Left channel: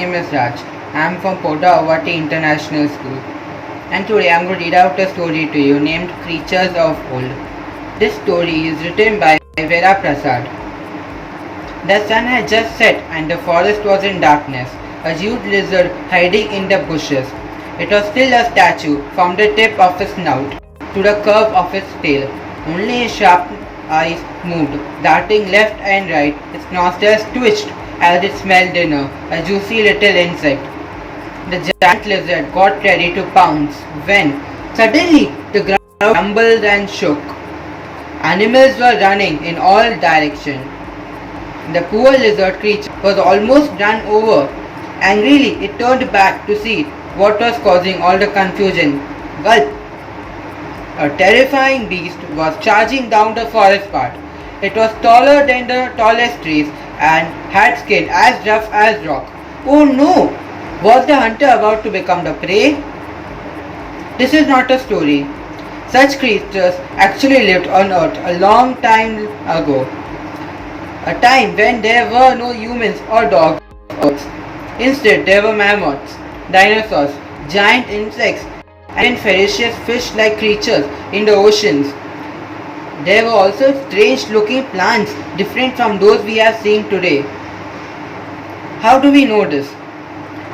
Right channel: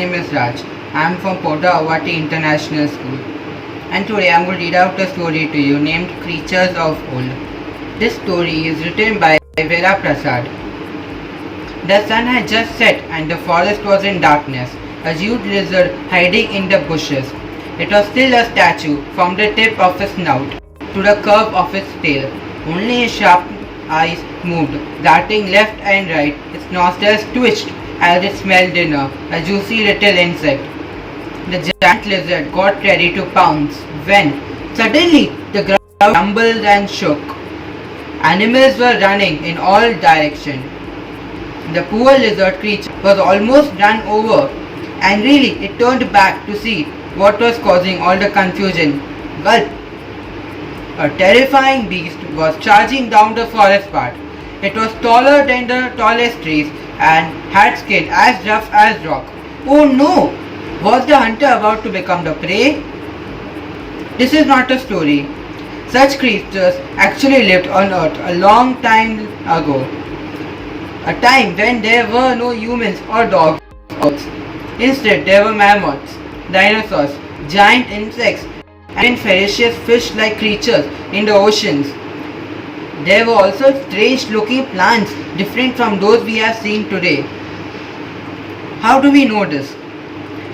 name is Raj. I am from Potawati International School. And today I am going to read out a story to you named Creatures of Old. This story is written by Vera Prasad. The sun had just set and the forest was in darkness, a huge lizard hiding in the bushes. It was still a statue from the tip of its snout to the curve of its tail. Only its sharp eyes moved, darting left and right. Its nostrils twitched as it smelled dinner, a juicy little insect. The giant lizard got ready to pounce when suddenly the ground rumbled and shook. Animals were running in all directions. The poor lizard creature was almost run over. Angrily, it turned back to see what was causing all the confusion. Gulp! A terrifying beast was charging down the forest path. It was taller than the tallest trees and had skin as rough as rock. Oh no! Was the hunter about to become the prey? This is not a story. Such creatures actually lived on Earth a long time ago. A time when there were no humans or dogs. Instead, there were mammoths, dinosaurs, giant insects, and ferocious fish-like creatures in the oceans. There were also strange-looking plants different from those we have seen today. How do we know this?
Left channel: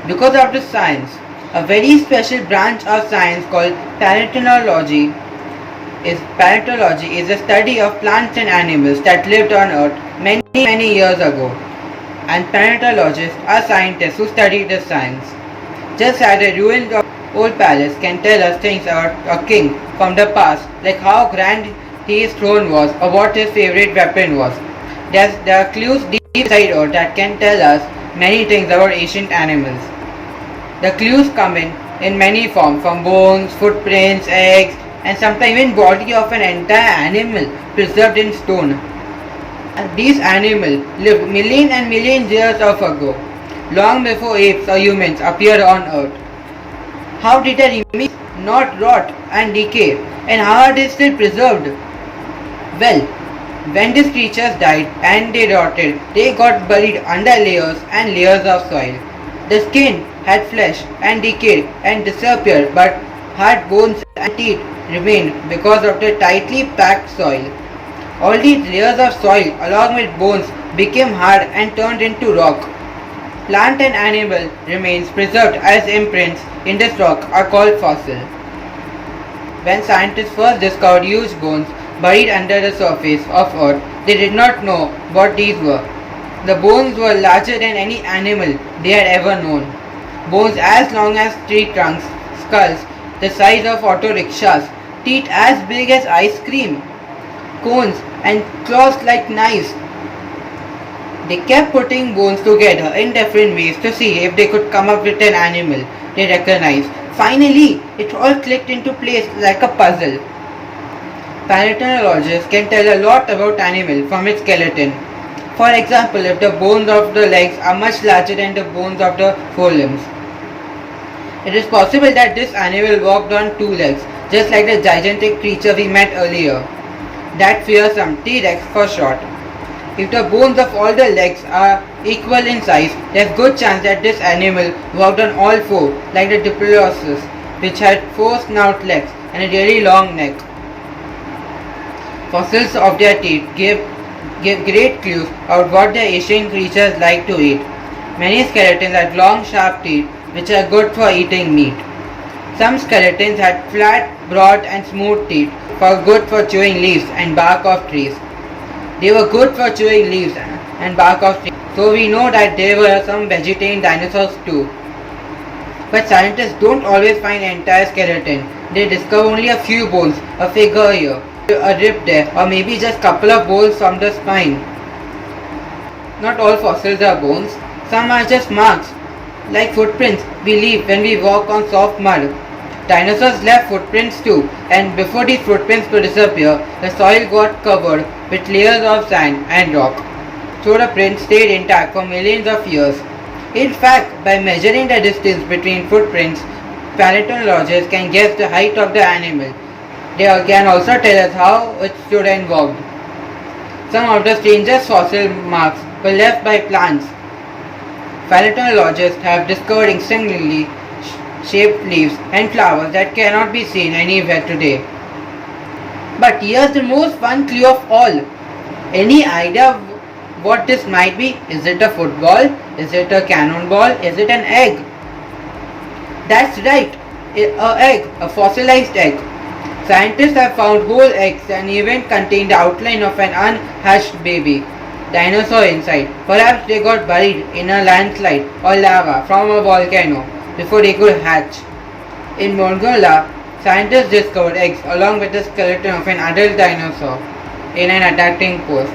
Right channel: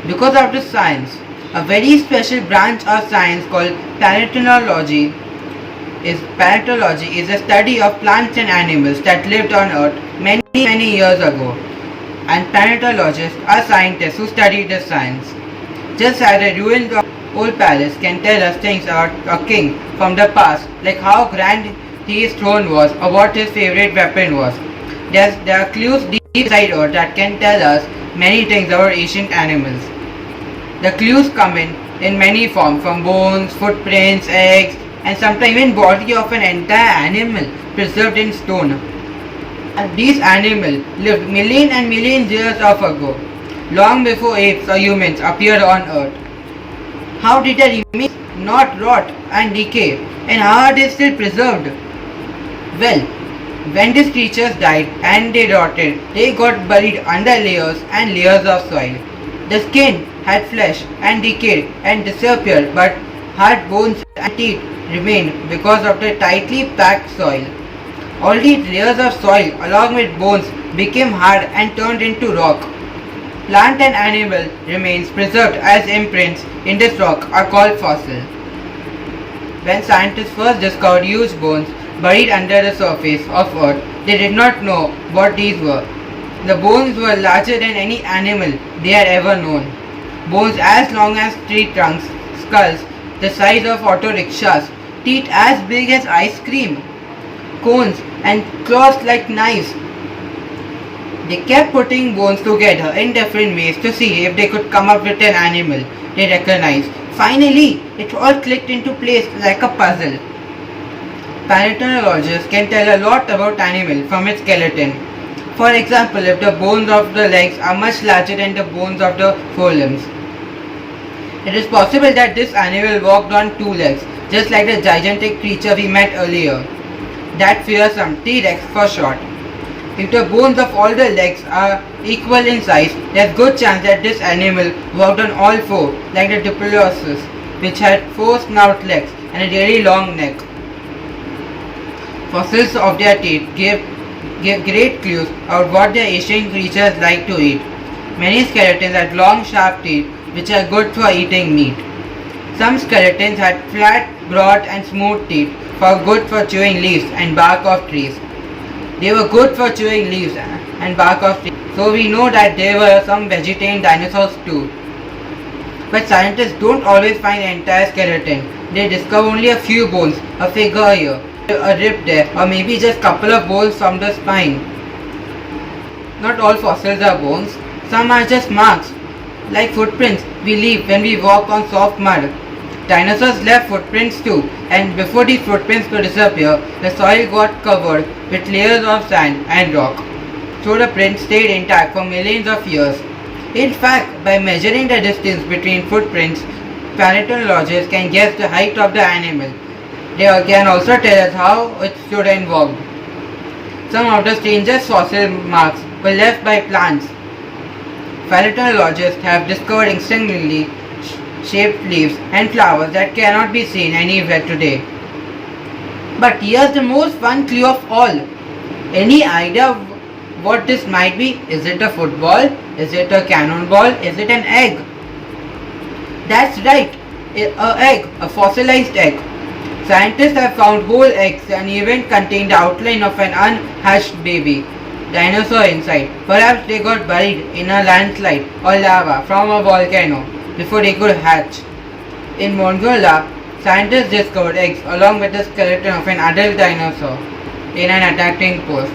Because of the science. A very special branch of science called paleontology is the study of plants and animals that lived on Earth many years ago. And paleontologists are scientists who study the science. Just as the ruins of old palace can tell us things about a king from the past, like how grand his throne was or what his favorite weapon was. There are clues deep inside Earth that can tell us many things about ancient animals. The clues come in many forms, from bones, footprints, eggs, and sometimes even body of an entire animal preserved in stone. And these animals lived millions and millions years ago, long before apes or humans appeared on Earth. How did their remains not rot and decay, and how are they still preserved? Well, when these creatures died and they rotted, they got buried under layers and layers of soil. The skin had flesh and decayed and disappeared, but hard bones and teeth remained because of the tightly packed soil. All these layers of soil along with bones became hard and turned into rock. Plant and animal remains preserved as imprints in this rock are called fossils. When scientists first discovered huge bones buried under the surface of Earth, they did not know what these were. The bones were larger than any animal they had ever known. Bones as long as tree trunks, skulls the size of auto rickshaws, teeth as big as ice cream, cones and claws like knives. They kept putting bones together in different ways to see if they could come up with an animal they recognized. Finally, it all clicked into place like a puzzle. Paleontologists can tell a lot about animal from its skeleton. For example, if the bones of the legs are much larger than the bones of the forelimbs, it is possible that this animal walked on two legs, just like the gigantic creature we met earlier. That fearsome T-Rex for short. If the bones of all the legs are equal in size, there is good chance that this animal walked on all four, like the Diplodocus, which had four snout legs and a really long neck. Fossils of their teeth give great clues about what the ancient creatures like to eat. Many skeletons had long sharp teeth which are good for eating meat. Some skeletons had flat, broad and smooth teeth good for chewing leaves and bark of trees. They were good for chewing leaves and bark of trees, so we know that there were some vegetarian dinosaurs too. But scientists don't always find the entire skeleton. They discover only a few bones, a figure here, a rib there, or maybe just couple of bones from the spine. Not all fossils are bones. Some are just marks, like footprints we leave when we walk on soft mud. Dinosaurs left footprints too, and before these footprints could disappear, the soil got covered with layers of sand and rock, so the prints stayed intact for millions of years. In fact, by measuring the distance between footprints, paleontologists can guess the height of the animal. They can also tell us how it stood and walked. Some of the strangest fossil marks were left by plants. paleontologists have discovered instantly shaped leaves and flowers that cannot be seen anywhere today. But here's the most fun clue of all. Any idea what this might be? Is it a football? Is it a cannonball? Is it an egg? That's right, a fossilized egg. Scientists have found whole eggs and even contained the outline of an unhatched baby dinosaur inside. Perhaps they got buried in a landslide or lava from a volcano before they could hatch. In Mongolia, scientists discovered eggs along with the skeleton of an adult dinosaur in an adapting pose.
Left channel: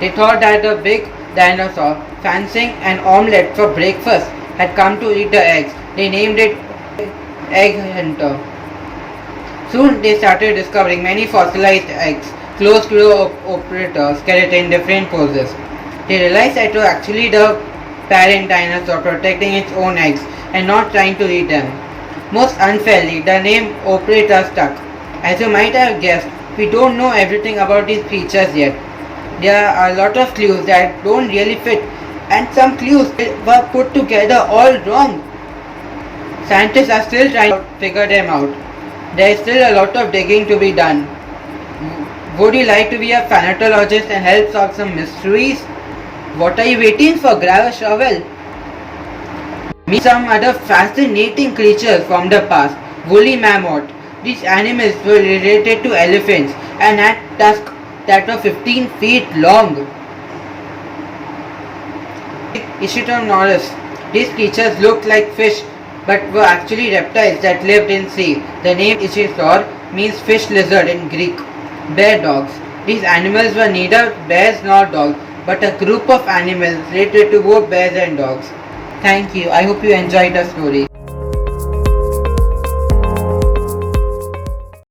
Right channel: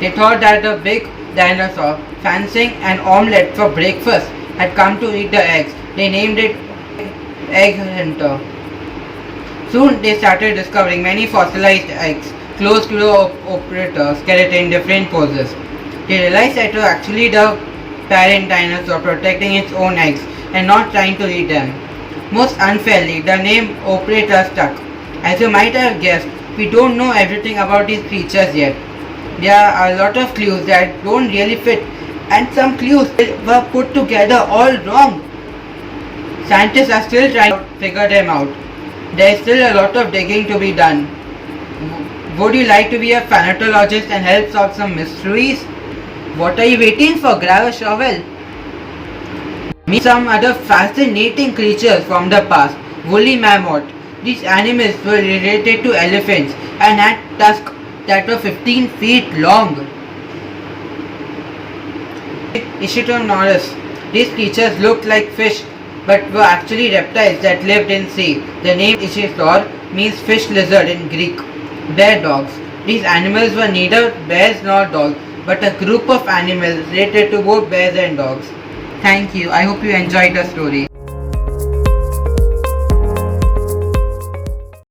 They thought that the big dinosaur, fancying an omelette for breakfast, had come to eat the eggs. They named it Egg Hunter. Soon they started discovering many fossilized eggs close to the operator skeleton in different poses. They realized that it was actually the parent dinosaur protecting its own eggs and not trying to eat them. Most unfairly, the name operator stuck. As you might have guessed, we don't know everything about these creatures yet. There are a lot of clues that don't really fit, and some clues were put together all wrong. Scientists are still trying to figure them out. There is still a lot of digging to be done. Would you like to be a paleontologist and help solve some mysteries? What are you waiting for? Grab a shovel. Meet some other fascinating creatures from the past. Woolly mammoth. These animals were related to elephants and had tusks that were 15 feet long. Ichthyosaurus. These creatures looked like fish but were actually reptiles that lived in sea. The name Ichthyosaur means fish lizard in Greek. Bear dogs. These animals were neither bears nor dogs, but a group of animals related to both bears and dogs. Thank you. I hope you enjoyed the story.